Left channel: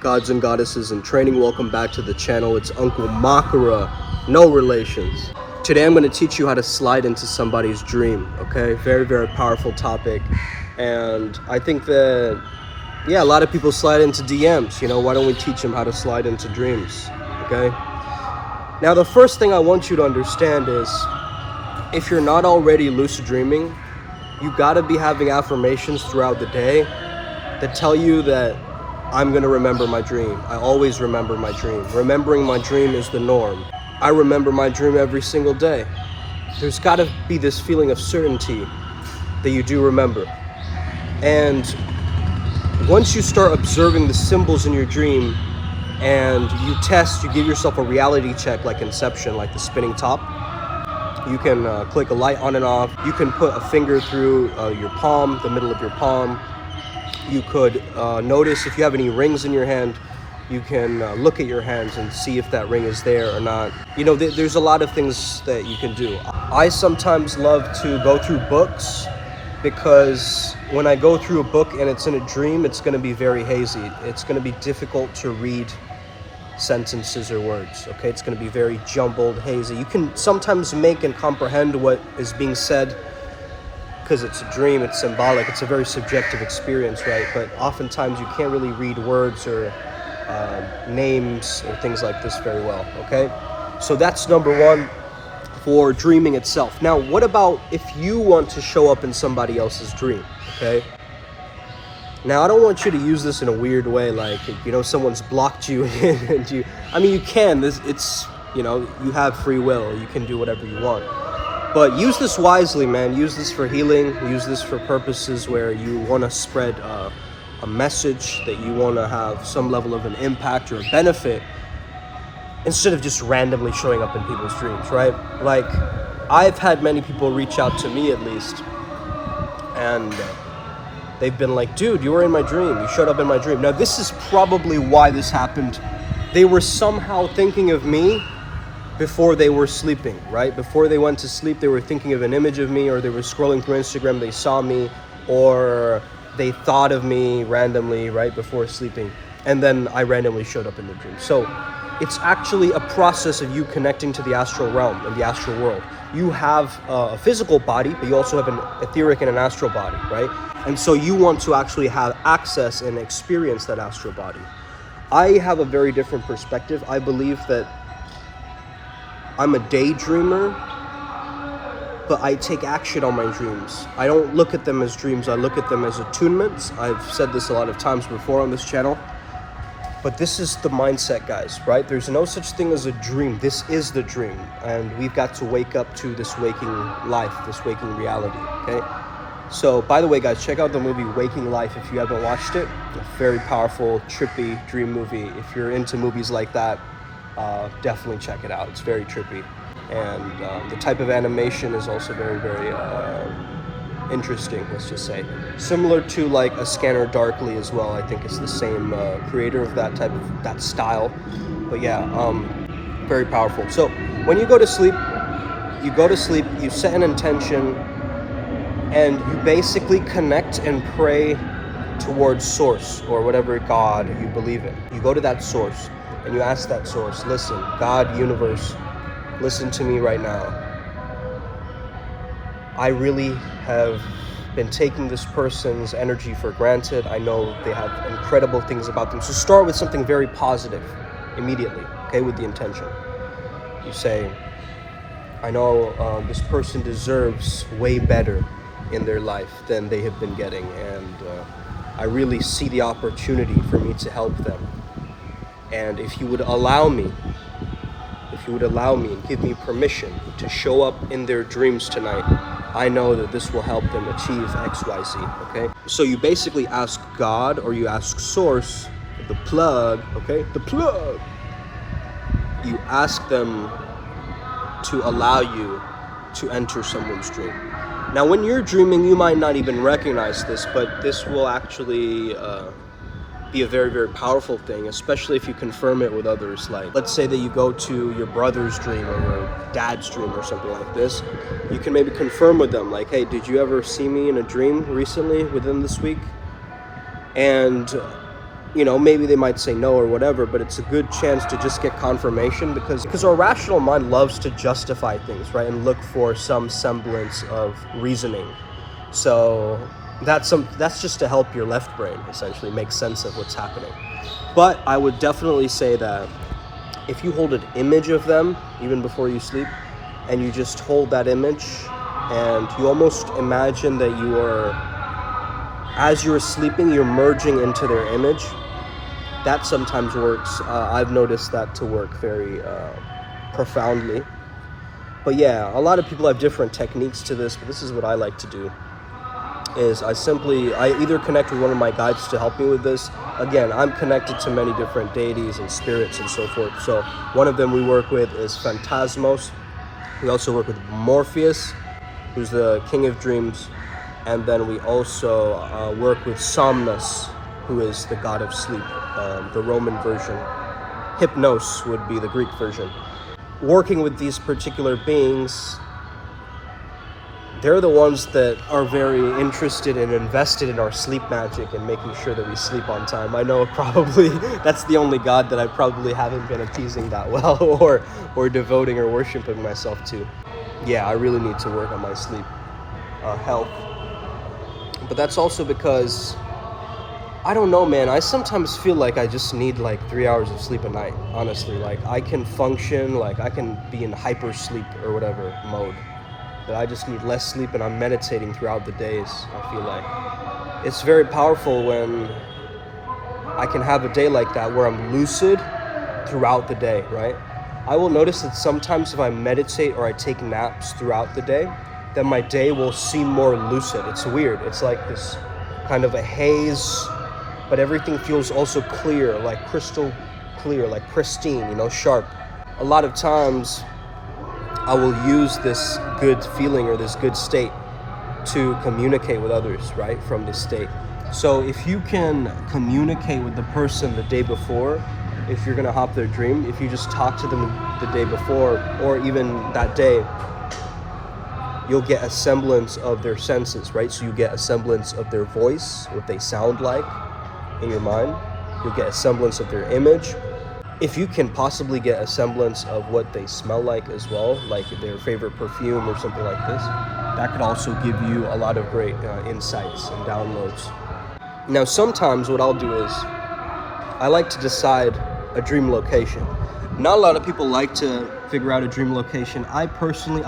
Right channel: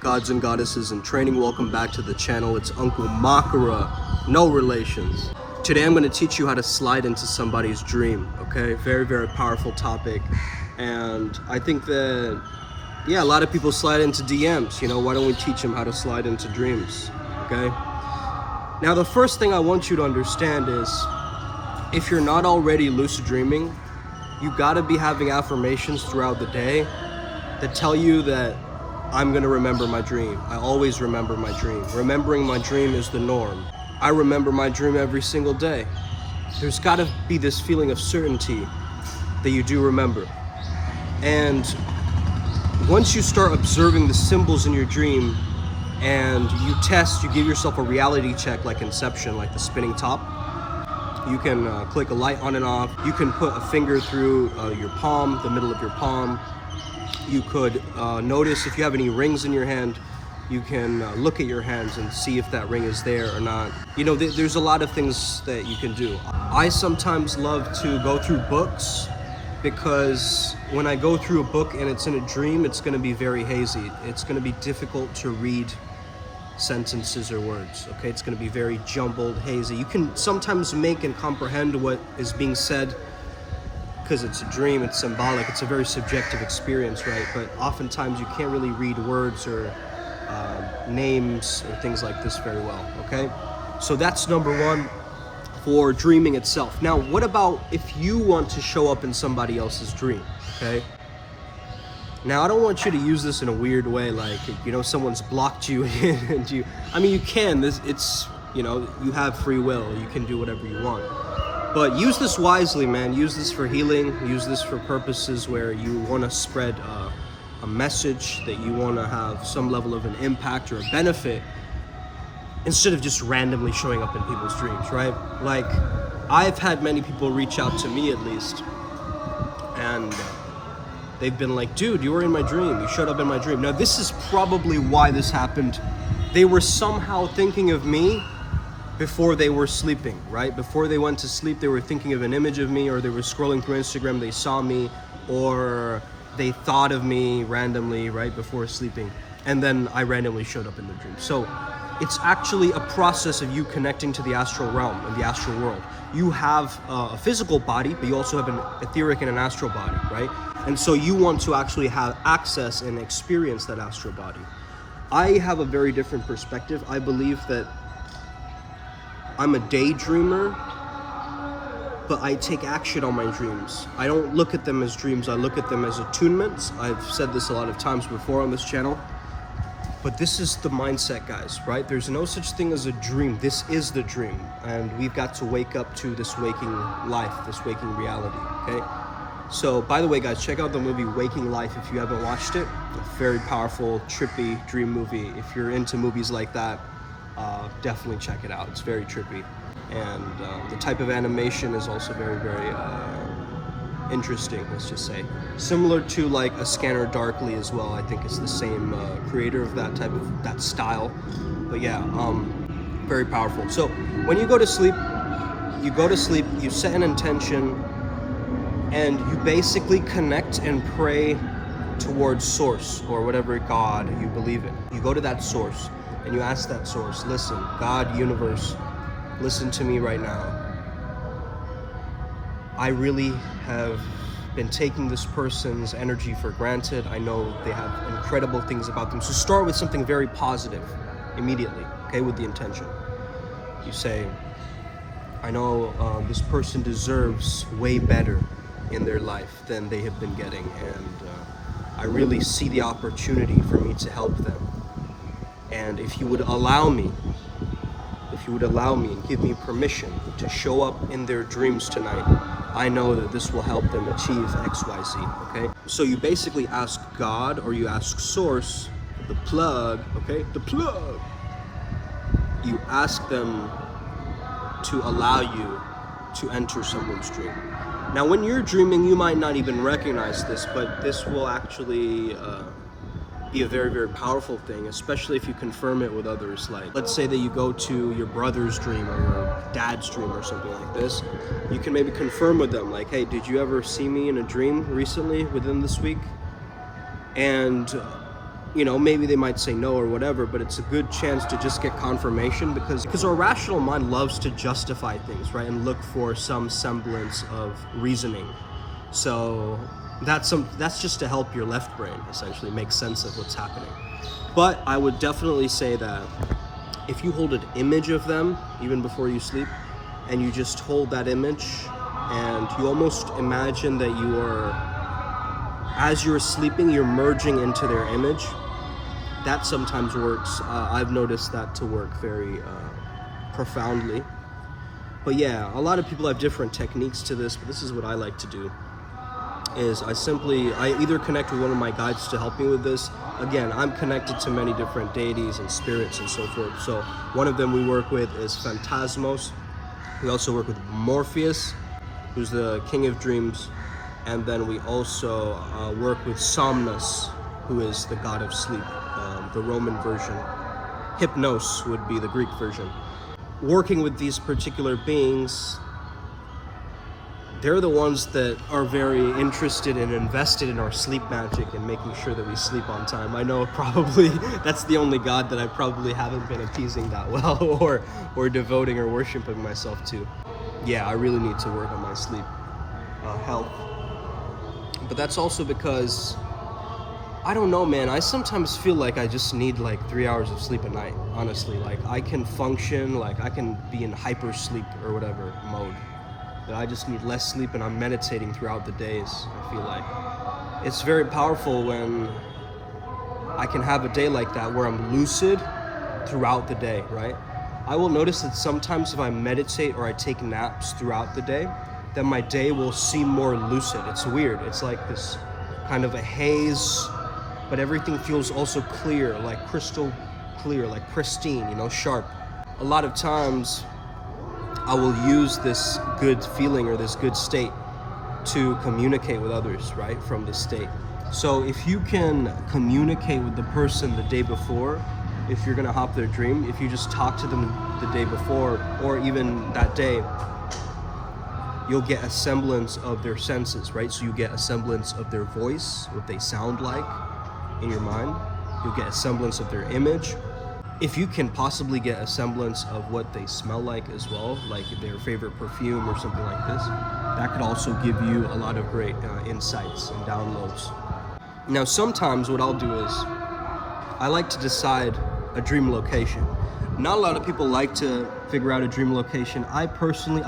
Gods and goddesses in training, welcome back to the channel. It's Uncle Makara, no relations. Today I'm going to teach you how to slide into somebody's dream, okay? Very, very powerful topic. And I think that, yeah, a lot of people slide into DMs, you know, why don't we teach them how to slide into dreams, okay? Now, the first thing I want you to understand is, if you're not already lucid dreaming, you got to be having affirmations throughout the day that tell you that I'm gonna remember my dream. I always remember my dream. Remembering my dream is the norm. I remember my dream every single day. There's gotta be this feeling of certainty that you do remember. And once you start observing the symbols in your dream and you give yourself a reality check like Inception, like the spinning top. You can click a light on and off. You can put a finger through your palm, the middle of your palm. You could notice if you have any rings in your hand. You can look at your hands and see if that ring is there or not. You know, there's a lot of things that you can do. I sometimes love to go through books because when I go through a book and it's in a dream, it's going to be very hazy. It's going to be difficult to read sentences or words, okay? It's going to be very jumbled, hazy. You can sometimes make and comprehend what is being said because it's a dream, it's symbolic, it's a very subjective experience, right? But oftentimes you can't really read words or names or things like this very well, okay? So that's number one for dreaming itself. Now, what about if you want to show up in somebody else's dream, okay? Now, I don't want you to use this in a weird way, like, you know, someone's blocked you and you can, it's, you know, you have free will, you can do whatever you want. But use this wisely, man. Use this for healing. Use this for purposes where you want to spread a message, that you want to have some level of an impact or a benefit, instead of just randomly showing up in people's dreams, right? Like, I've had many people reach out to me, at least, and they've been like, dude, you were in my dream. You showed up in my dream. Now, this is probably why this happened. They were somehow thinking of me before they were sleeping, right? Before they went to sleep, they were thinking of an image of me, or they were scrolling through Instagram, they saw me, or they thought of me randomly, right, before sleeping. And then I randomly showed up in their dream. So it's actually a process of you connecting to the astral realm and the astral world. You have a physical body, but you also have an etheric and an astral body, right? And so you want to actually have access and experience that astral body. I have a very different perspective. I believe that I'm a daydreamer, but I take action on my dreams. I don't look at them as dreams, I look at them as attunements. I've said this a lot of times before on this channel, but this is the mindset, guys, right? There's no such thing as a dream. This is the dream, and we've got to wake up to this waking life, this waking reality, okay? So, by the way, guys, check out the movie Waking Life if you haven't watched it. A very powerful, trippy dream movie. If you're into movies like that, definitely check it out. It's very trippy, and the type of animation is also very, very interesting, let's just say. Similar to like A Scanner Darkly as well. I think it's the same creator of that style. But yeah, very powerful. So when you go to sleep, you set an intention, and you basically connect and pray towards source, or whatever God you believe in. You go to that source and you ask that source, listen, God, universe, listen to me right now. I really have been taking this person's energy for granted. I know they have incredible things about them. So start with something very positive immediately, okay, with the intention. You say, I know this person deserves way better in their life than they have been getting, and I really see the opportunity for me to help them. And if you would allow me and give me permission to show up in their dreams tonight, I know that this will help them achieve XYZ, okay? So you basically ask God, or you ask Source, the plug, okay? The plug. You ask them to allow you to enter someone's dream. Now, when you're dreaming, you might not even recognize this, but this will actually be a very, very powerful thing, especially if you confirm it with others. Like, let's say that you go to your brother's dream or your dad's dream or something like this. You can maybe confirm with them, like, hey, did you ever see me in a dream recently within this week? And, you know, maybe they might say no or whatever, but it's a good chance to just get confirmation because our rational mind loves to justify things, right? And look for some semblance of reasoning. So that's just to help your left brain essentially make sense of what's happening. But I would definitely say that if you hold an image of them even before you sleep, and you just hold that image and you almost imagine that you are, as you're sleeping, you're merging into their image, that sometimes works. I've noticed that to work very profoundly. But yeah, a lot of people have different techniques to this, but this is what I like to do. Is I either connect with one of my guides to help me with this. Again, I'm connected to many different deities and spirits and so forth. So one of them we work with is Phantasmos. We also work with Morpheus, who's the king of dreams. And then we also work with Somnus, who is the god of sleep, the Roman version. Hypnos would be the Greek version. Working with these particular beings, they're the ones that are very interested and invested in our sleep magic and making sure that we sleep on time. I know probably that's the only god that I probably haven't been appeasing that well or devoting or worshiping myself to. Yeah, I really need to work on my sleep health. But that's also because, I don't know, man, I sometimes feel like I just need like 3 hours of sleep a night, honestly. Like I can function, like I can be in hyper sleep or whatever mode. That I just need less sleep and I'm meditating throughout the days, I feel like. It's very powerful when I can have a day like that where I'm lucid throughout the day, right? I will notice that sometimes if I meditate or I take naps throughout the day, then my day will seem more lucid. It's weird. It's like this kind of a haze, but everything feels also clear, like crystal clear, like pristine, you know, sharp. A lot of times I will use this good feeling or this good state to communicate with others, right, from this state. So if you can communicate with the person the day before, if you're gonna hop their dream, if you just talk to them the day before or even that day, you'll get a semblance of their senses, right? So you get a semblance of their voice, what they sound like in your mind. You'll get a semblance of their image. If you can possibly get a semblance of what they smell like as well, like their favorite perfume or something like this, that could also give you a lot of great insights and downloads. Now, sometimes what I'll do is I like to decide a dream location. Not a lot of people like to figure out a dream location. I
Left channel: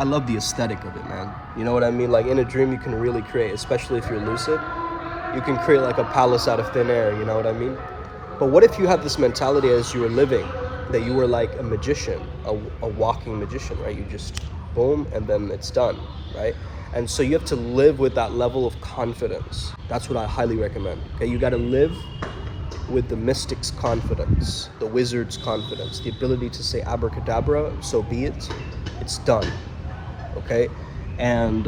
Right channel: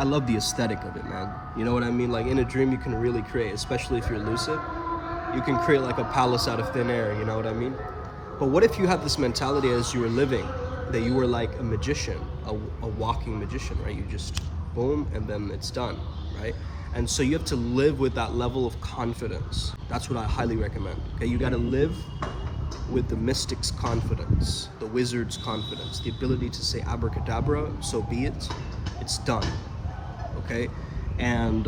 love the aesthetic of it, man. You know what I mean? Like in a dream, you can really create, especially if you're lucid, you can create like a palace out of thin air, you know what I mean? But what if you have this mentality as you were living, that you were like a magician, a walking magician, right? You just boom, and then it's done, right? And so you have to live with that level of confidence. That's what I highly recommend, okay? You gotta live with the mystic's confidence, the wizard's confidence, the ability to say abracadabra, so be it, it's done, okay? And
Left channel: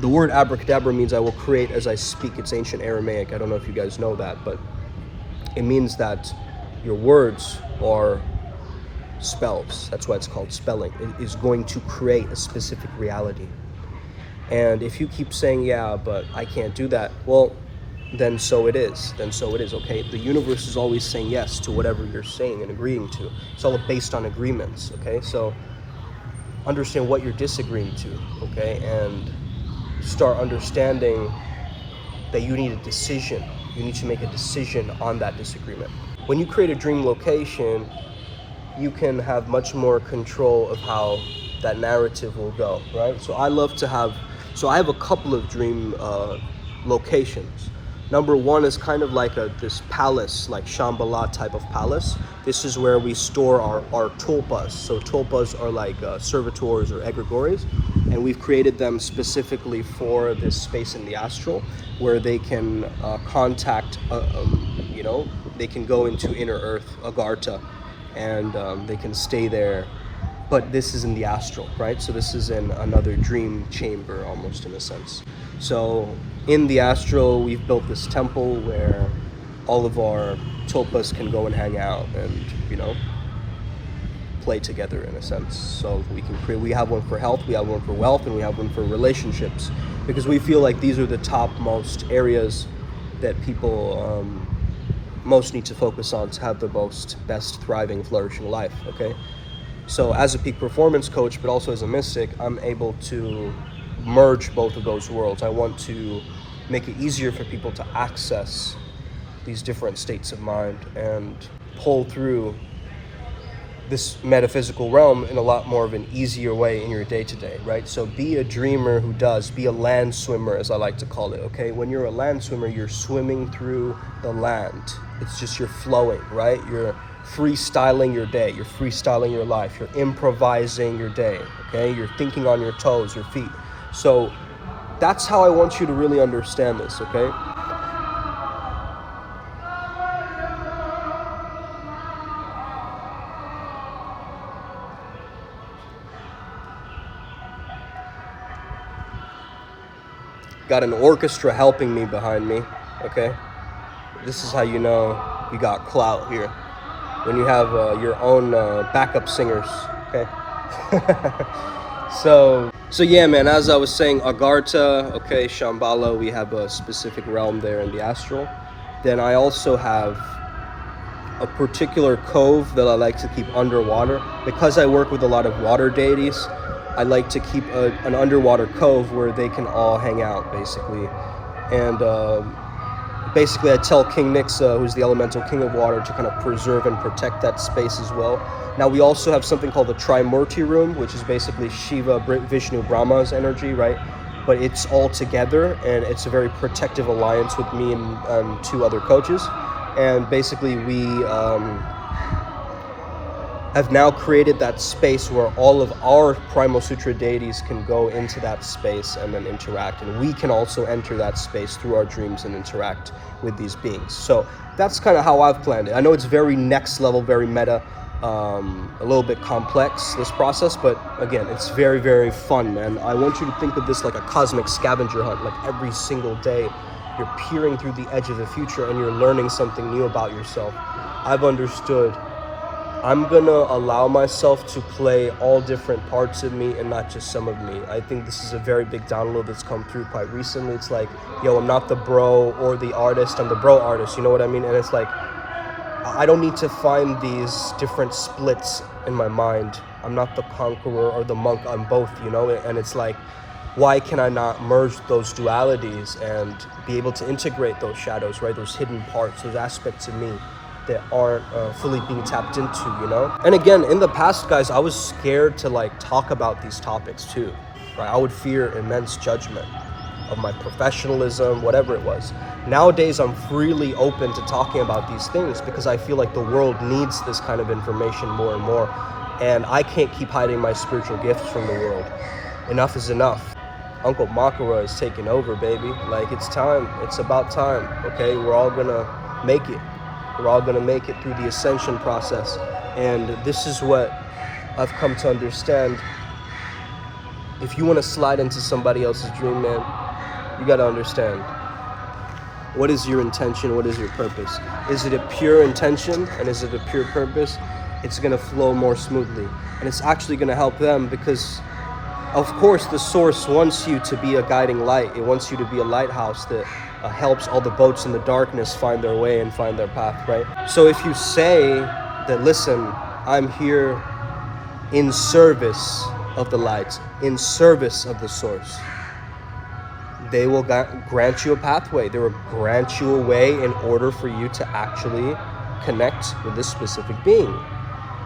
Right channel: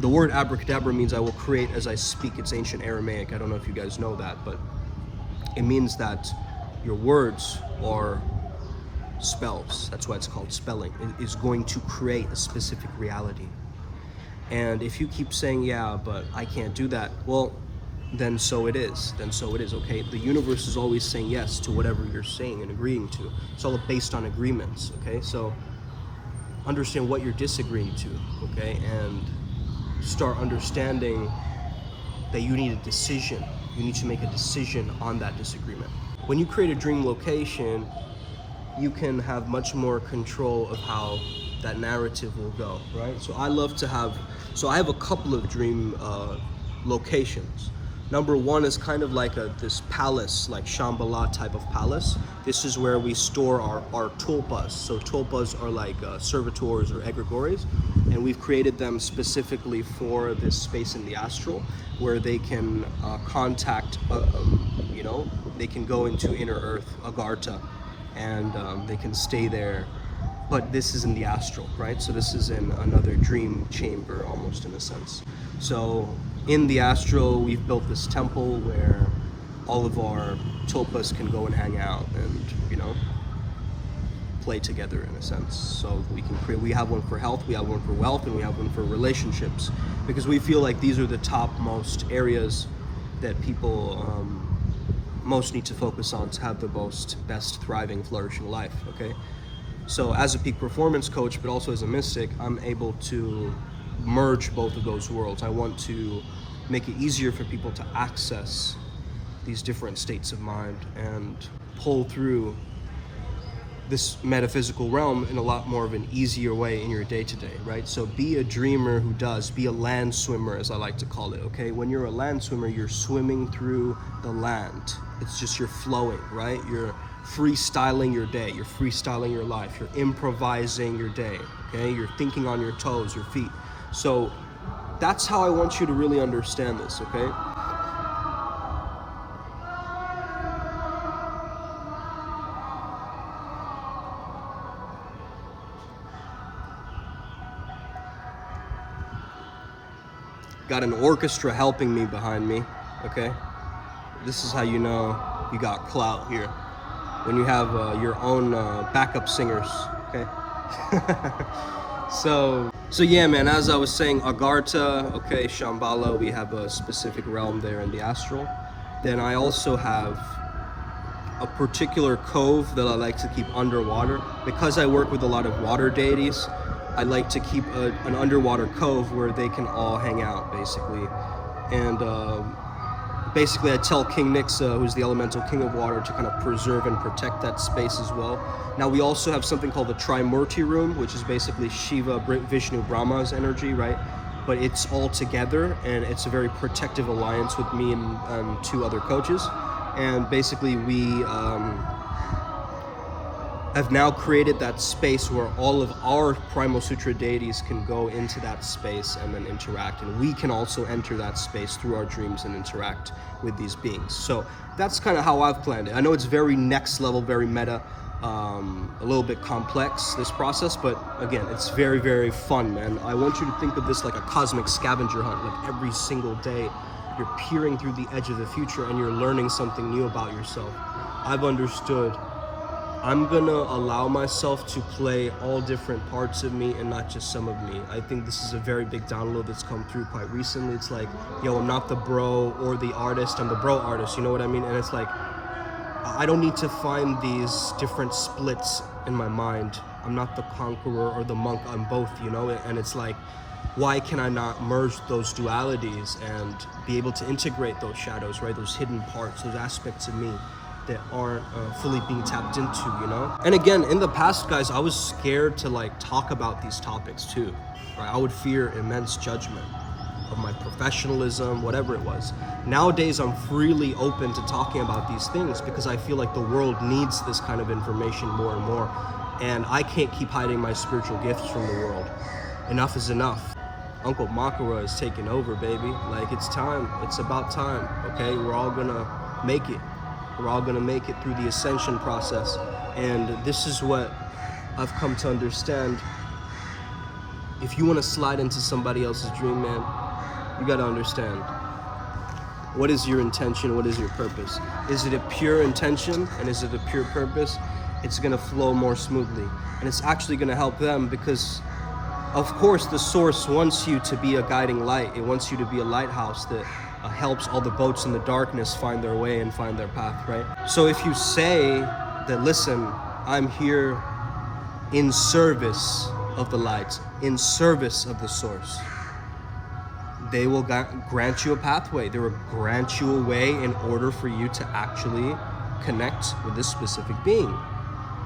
the word abracadabra means I will create as I speak. It's ancient Aramaic. I don't know if you guys know that, but it means that your words are spells. That's why it's called spelling. It is going to create a specific reality. And if you keep saying, yeah, but I can't do that, well, then so it is. Then so it is, okay? The universe is always saying yes to whatever you're saying and agreeing to. It's all based on agreements, okay? So understand what you're disagreeing to, okay? And start understanding that you need a decision. You need to make a decision on that disagreement. When you create a dream location, you can have much more control of how that narrative will go, right? So I have a couple of dream locations. Number one is kind of like this palace, like Shambhala type of palace. This is where we store our tulpas. So tulpas are like servitors or egregores, and we've created them specifically for this space in the astral where they can contact, they can go into inner earth, Agartha, and they can stay there. But this is in the astral, right? So this is in another dream chamber, almost in a sense. So in the astral, we've built this temple where all of our tulpas can go and hang out and, play together in a sense. So we have one for health, we have one for wealth, and we have one for relationships, because we feel like these are the topmost areas that people most need to focus on to have the best thriving, flourishing life. Okay, so as a peak performance coach, but also as a mystic, I'm able to merge both of those worlds. I want to make it easier for people to access these different states of mind and pull through this metaphysical realm in a lot more of an easier way in your day-to-day, right? So be a dreamer who does, be a land swimmer, as I like to call it, okay? When you're a land swimmer, you're swimming through the land. It's just you're flowing, right? You're freestyling your day, you're freestyling your life, you're improvising your day, okay? You're thinking on your toes, your feet. So that's how I want you to really understand this, okay? Got an orchestra helping me behind me, okay? This is how you know you got clout here. When you have your own backup singers, okay? So yeah, man, as I was saying, Agartha, okay, Shambhala, we have a specific realm there in the astral. Then I also have a particular cove that I like to keep underwater. Because I work with a lot of water deities, I like to keep an underwater cove where they can all hang out, basically. And basically I tell King Nixa, who's the elemental king of water, to kind of preserve and protect that space as well. Now we also have something called the Trimurti room, which is basically Shiva, Vishnu, Brahma's energy, right? But it's all together, and it's a very protective alliance with me and two other coaches. And basically we have now created that space where all of our Primal Sutra deities can go into that space and then interact. And we can also enter that space through our dreams and interact with these beings. So that's kind of how I've planned it. I know it's very next level, very meta, a little bit complex, this process, but again, it's very, very fun, man. I want you to think of this like a cosmic scavenger hunt. Like every single day, you're peering through the edge of the future and you're learning something new about yourself. I've understood I'm gonna allow myself to play all different parts of me and not just some of me. I think this is a very big download that's come through quite recently. It's like, yo, I'm not the bro or the artist, I'm the bro artist, you know what I mean? And it's like, I don't need to find these different splits in my mind. I'm not the conqueror or the monk, I'm both, you know? And it's like, why can I not merge those dualities and be able to integrate those shadows, right? Those hidden parts, those aspects of me that aren't fully being tapped into, you know? And again, in the past, guys, I was scared to like talk about these topics too, right? I would fear immense judgment of my professionalism, whatever it was. Nowadays, I'm freely open to talking about these things because I feel like the world needs this kind of information more and more. And I can't keep hiding my spiritual gifts from the world. Enough is enough. Uncle Makara is taking over, baby. Like, it's time. It's about time, okay? We're all gonna make it. We're all gonna make it through the ascension process. And this is what I've come to understand. If you wanna slide into somebody else's dream, man, you gotta understand. What is your intention? What is your purpose? Is it a pure intention and is it a pure purpose? It's gonna flow more smoothly. And it's actually gonna help them because, of course, the source wants you to be a guiding light. It wants you to be a lighthouse that helps all the boats in the darkness find their way and find their path, right? So if you say that, listen, I'm here in service of the light, in service of the source, they will grant you a pathway. They will grant you a way in order for you to actually connect with this specific being,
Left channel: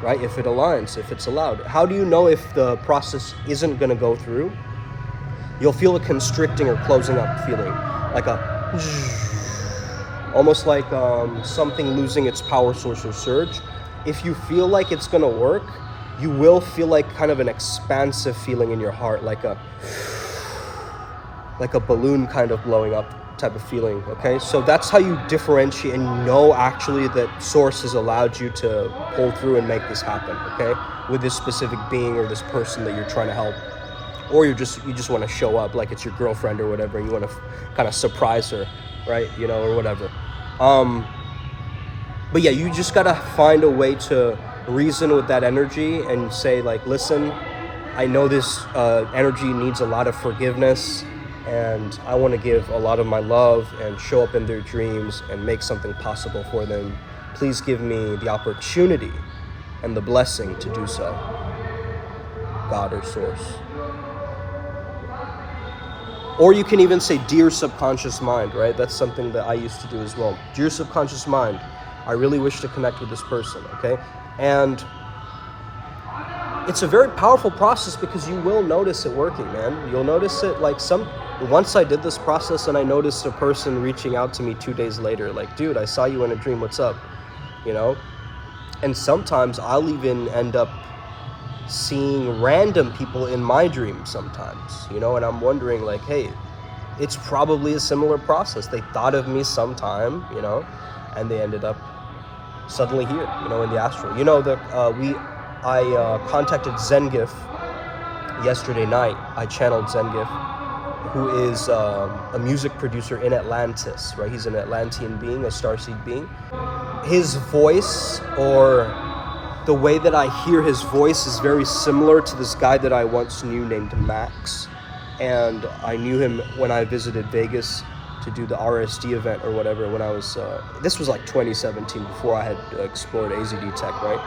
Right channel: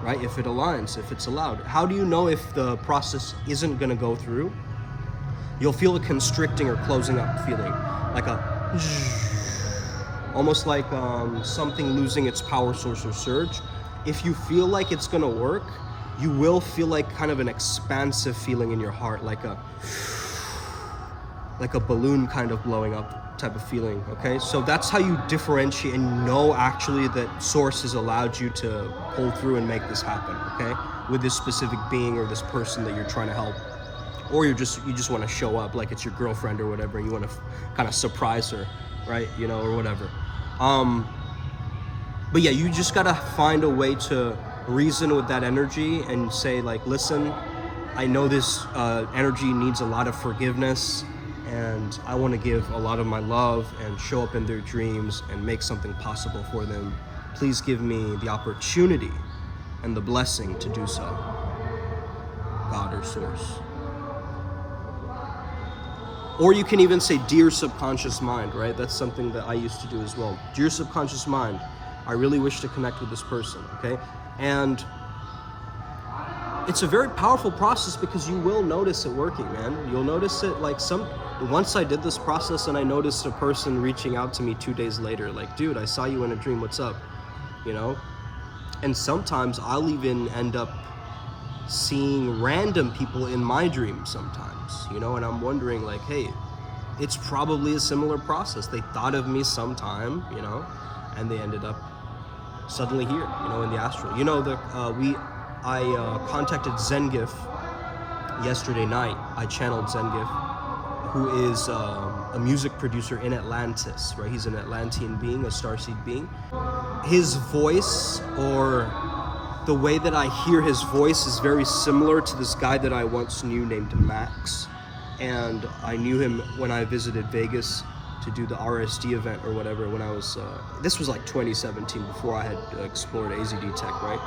right? If it aligns, if it's allowed. How do you know if the process isn't gonna go through? You'll feel a constricting or closing up feeling, like almost like something losing its power source or surge. If you feel like it's gonna work, you will feel like kind of an expansive feeling in your heart, like a balloon kind of blowing up type of feeling, okay? So that's how you differentiate and know actually that source has allowed you to pull through and make this happen, okay? With this specific being or this person that you're trying to help. Or you just want to show up like it's your girlfriend or whatever and you want to kind of surprise her, right? You know, or whatever. But yeah, you just gotta find a way to reason with that energy and say like, listen, I know this energy needs a lot of forgiveness, and I want to give a lot of my love and show up in their dreams and make something possible for them. Please give me the opportunity and the blessing to do so. God or source. Or you can even say, dear subconscious mind, right? That's something that I used to do as well. Dear subconscious mind, I really wish to connect with this person, okay? And it's a very powerful process because you will notice it working, man. You'll notice it like once I did this process and I noticed a person reaching out to me 2 days later, like, dude, I saw you in a dream, what's up? You know? And sometimes I'll even end up seeing random people in my dreams sometimes, you know, and I'm wondering like, hey, it's probably a similar process. They thought of me sometime, you know, and they ended up suddenly here, you know, in the astral. You know, I contacted Zengif yesterday night. I channeled Zengif, who is a music producer in Atlantis, right? He's an Atlantean being, a starseed being. His voice, or the way that I hear his voice, is very similar to this guy that I once knew named Max. And I knew him when I visited Vegas to do the RSD event or whatever, when I was, this was like 2017, before I had explored AZD Tech, right?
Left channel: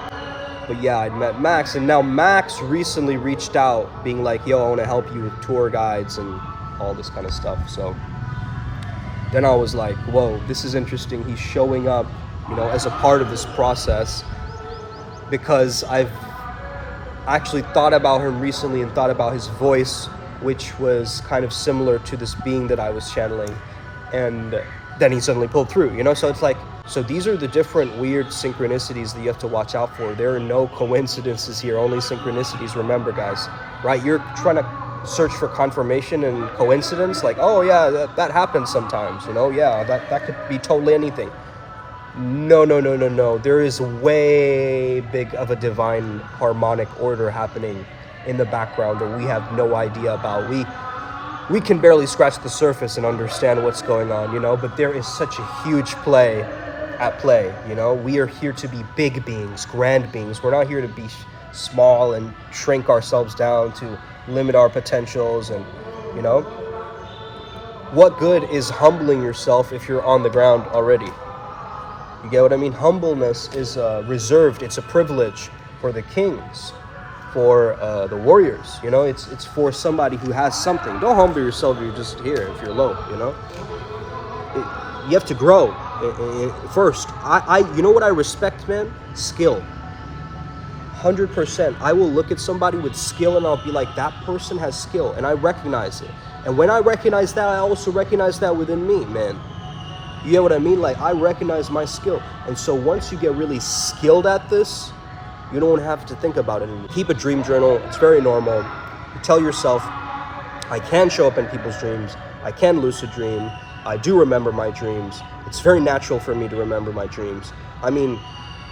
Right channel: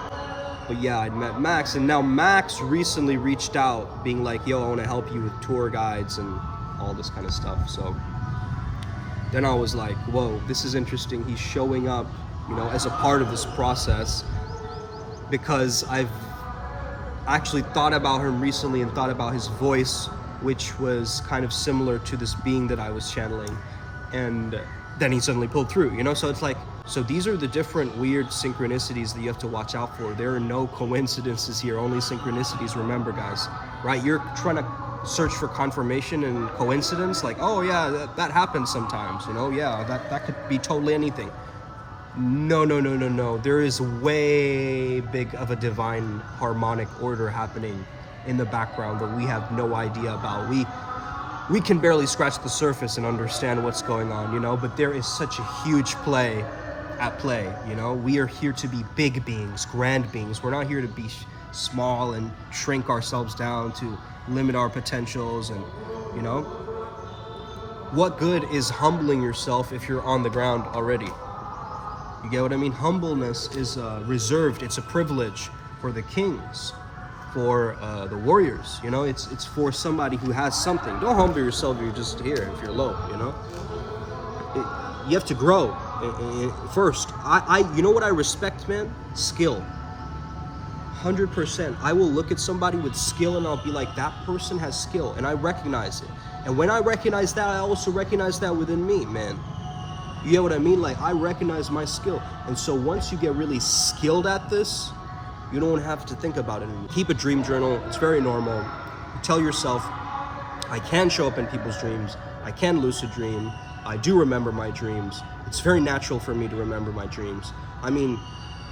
But yeah, I'd met Max, and now Max recently reached out being like, yo, I want to help you with tour guides and all this kind of stuff. So then I was like, whoa, this is interesting. He's showing up, you know, as a part of this process, because I've actually thought about him recently and thought about his voice, which was kind of similar to this being that I was channeling. And then he suddenly pulled through, you know? So it's like, so these are the different weird synchronicities that you have to watch out for. There are no coincidences here, only synchronicities. Remember, guys, right? You're trying to search for confirmation and coincidence, like, oh yeah, that happens sometimes, you know? Yeah, that could be totally anything. No. There is way big of a divine harmonic order happening in the background that we have no idea about. We can barely scratch the surface and understand what's going on, you know, but there is such a huge play, you know. We are here to be big beings, grand beings. We're not here to be small and shrink ourselves down to limit our potentials. And, you know, what good is humbling yourself if you're on the ground already? You get what I mean? Humbleness is reserved. It's a privilege for the kings, for the warriors. You know, it's for somebody who has something. Don't humble yourself if you're just here, if you're low, you know? You have to grow first. You know what I respect, man? Skill. 100%. I will look at somebody with skill and I'll be like, that person has skill, and I recognize it. And when I recognize that, I also recognize that within me, man. You get what I mean? Like, I recognize my skill. And so once you get really skilled at this, you don't have to think about it anymore. Keep a dream journal. It's very normal. You tell yourself, I can show up in people's dreams. I can lucid dream. I do remember my dreams. It's very natural for me to remember my dreams. I mean,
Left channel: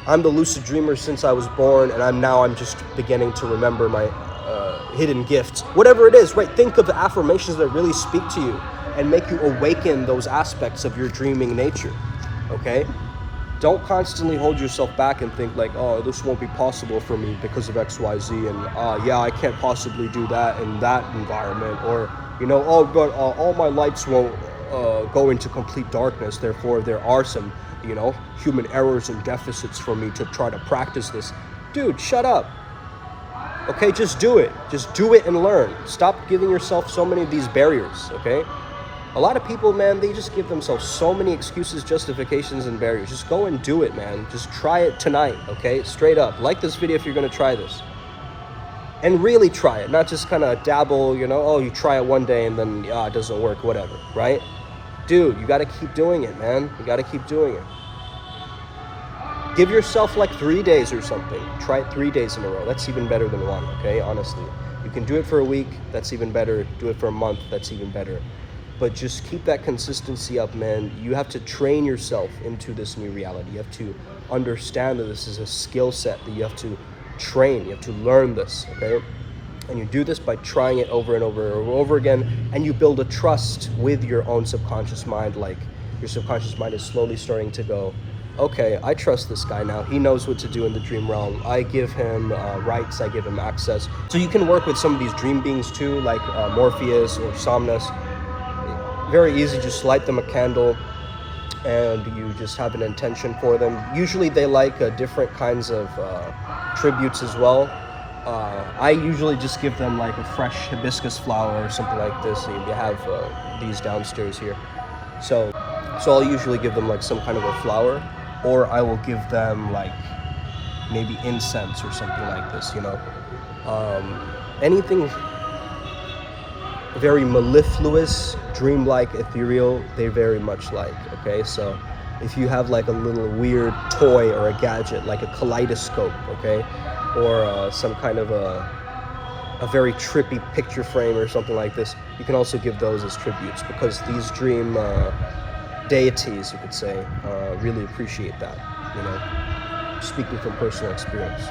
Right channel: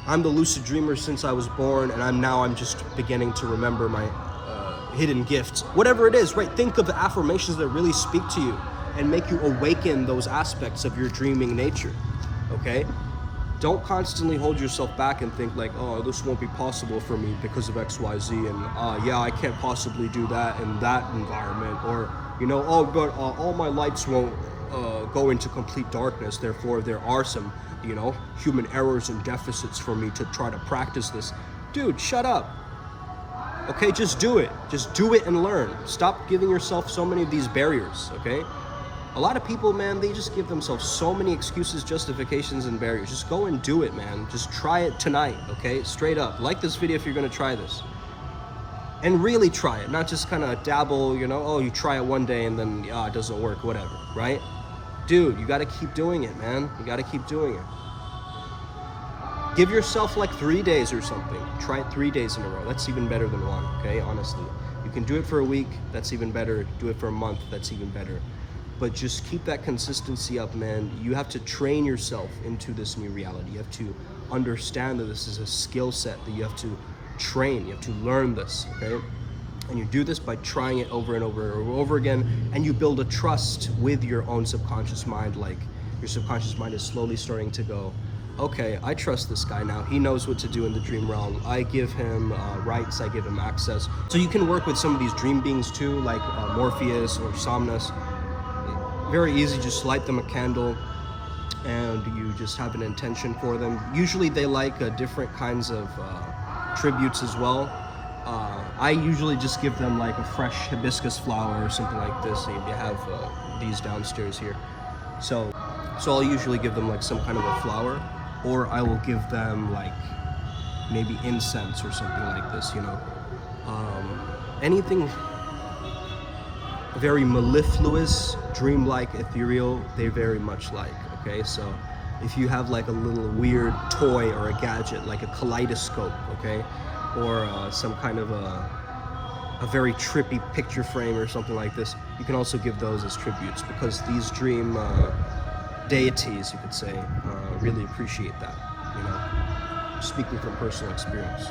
I'm the lucid dreamer since I was born, and I'm just beginning to remember my hidden gifts. Whatever it is, right? Think of the affirmations that really speak to you and make you awaken those aspects of your dreaming nature, okay? Don't constantly hold yourself back and think like, oh, this won't be possible for me because of XYZ, and yeah, I can't possibly do that in that environment, or, you know, oh, but all my lights won't go into complete darkness, therefore there are some, you know, human errors and deficits for me to try to practice this. Dude, shut up. Okay, just do it. Just do it and learn. Stop giving yourself so many of these barriers, okay? A lot of people, man, they just give themselves so many excuses, justifications, and barriers. Just go and do it, man. Just try it tonight, okay? Straight up. Like this video if you're gonna try this. And really try it, not just kind of dabble, you know, oh, you try it one day and then, it doesn't work, whatever, right? Dude, you gotta keep doing it, man. You gotta keep doing it. Give yourself like 3 days or something. Try it 3 days in a row. That's even better than one, okay? Honestly. You can do it for a week, that's even better. Do it for a month, that's even better. But just keep that consistency up, man. You have to train yourself into this new reality. You have to understand that this is a skill set that you have to train. You have to learn this, okay? And you do this by trying it over and over and over again, and you build a trust with your own subconscious mind. Like, your subconscious mind is slowly starting to go, okay, I trust this guy now. He knows what to do in the dream realm. I give him rights, I give him access. So you can work with some of these dream beings too, like Morpheus or Somnus. Very easy, just light them a candle and you just have an intention for them. Usually they like different kinds of tributes as well. I usually just give them like a fresh hibiscus flower or something like this. You have these downstairs here. So I'll usually give them like some kind of a flower, or I will give them like maybe incense or something like this, you know. Anything very mellifluous, dreamlike, ethereal, they very much like, okay? So if you have like a little weird toy or a gadget, like a kaleidoscope, okay? Or some kind of a very trippy picture frame or something like this, you can also give those as tributes, because these dream deities, you could say, really appreciate that, you know, speaking from personal experience.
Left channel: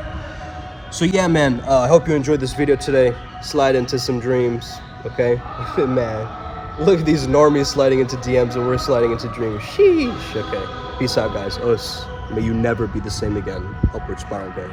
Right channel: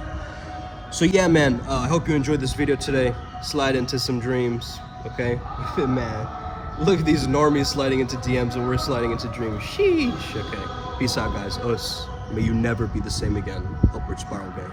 So yeah, man, I hope you enjoyed this video today. Slide into some dreams, okay? Man, look at these normies sliding into DMs and we're sliding into dreams. Sheesh. Okay, peace out, guys. Us. May you never be the same again. Upward Spiral Gang.